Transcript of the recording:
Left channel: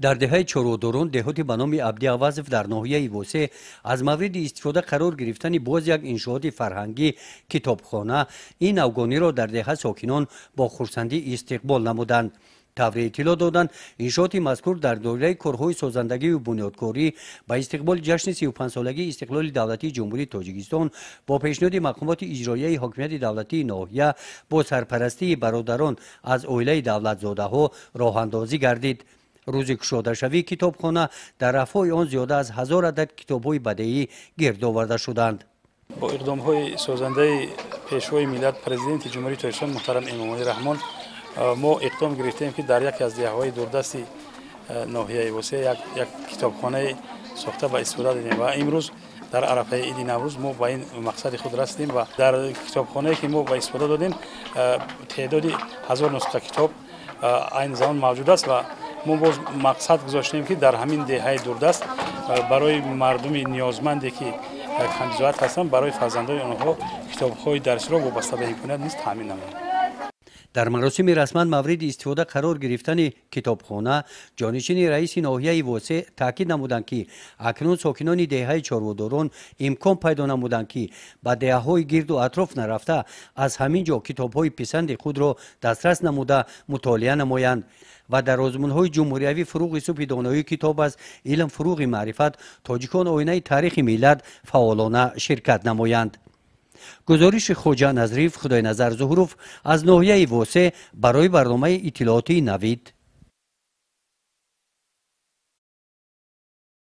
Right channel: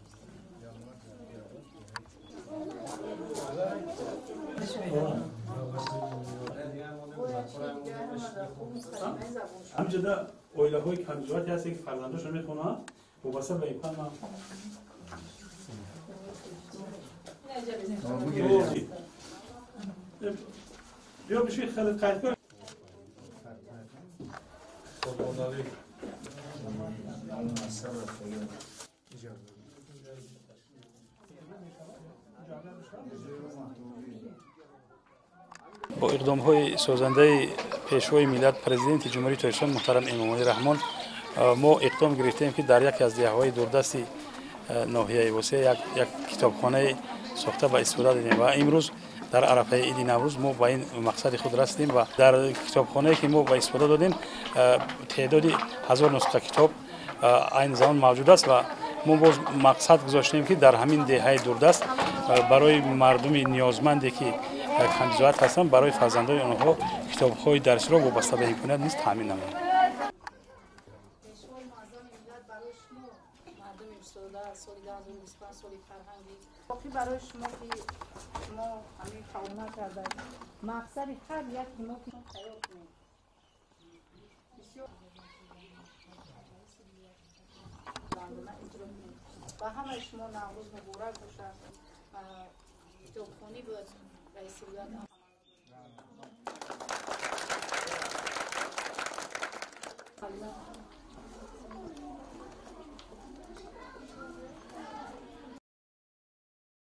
در دهه چورودورون دهاتی به نام عبدی‌آوازف در ناحیه ووسه از مورد استفاده قرار گرفتن باز یک انشاءات فرهنگی کتابخانه این افغانی را در دهه ساکنان با خرسندی استقبال نمودند. طور اطلاع دادند انشاءات مذکور در دوره کارهای سازندگی و بنیادکاری با استقبال جشن 35 سالگی استقلال دولتی جمهوری تاجیکستان با پیشنهاد مقامات اجرایی حاکمیت دولتی ناحیه با سرپرستی برادران از عائله دولت‌زاده‌ها راه‌اندازی گردید. روز کشاده شوی کتابخانه در افای آن زیاده از 1000 عدد کتاب‌های بدیعی گرد آورده شدند. با اقدام‌های سازنده پیشوای ملت پرزیدنت جمهوری تاجیکستان محترم امامعلی رحمان ما اقدام گرفتیم که در یکی از دهه‌های دوردست ناحیه ووسه یک کتابخانه ساخته و استفاده دادیم و امروز در عرفه عید نوروز ما با این مقصد خود رسیدیم و در کتابخانه که ما با استفاده دادیم تعدادی 1000 نسخه کتاب این زمان موجود است و ما باز مقصد گذاشتیم که در همین دهه دوردست برای مردم نیازمندی که کم‌ضرورت هستند برای فرزندان آنها کتاب‌های درسی را وابسته به امکانات نیز تامین نماییم. در مراسم رسما مورد استفاده قرار گرفتن کتابخانه جانشین رئیس ناحیه ووسه تاکید نمودند که اکنون ساکنان دهه چارودوران امکان پیدا نمودند که به دهه‌های گرد و اطراف نرفته از همین جا کتاب‌های پسند خود را دسترس نموده مطالعه نمایند و در آزمون‌های جمهوریوی فروغ صبح دانایی کتاب از علم فروغ معرفت تاجیکان آینه تاریخ ملت فعالانه شرکت نمایند. گزارش خوجا نظریف خدای نظر ظهورов از ناحیه ووسه برای برنامه اطلاعاتی نوید.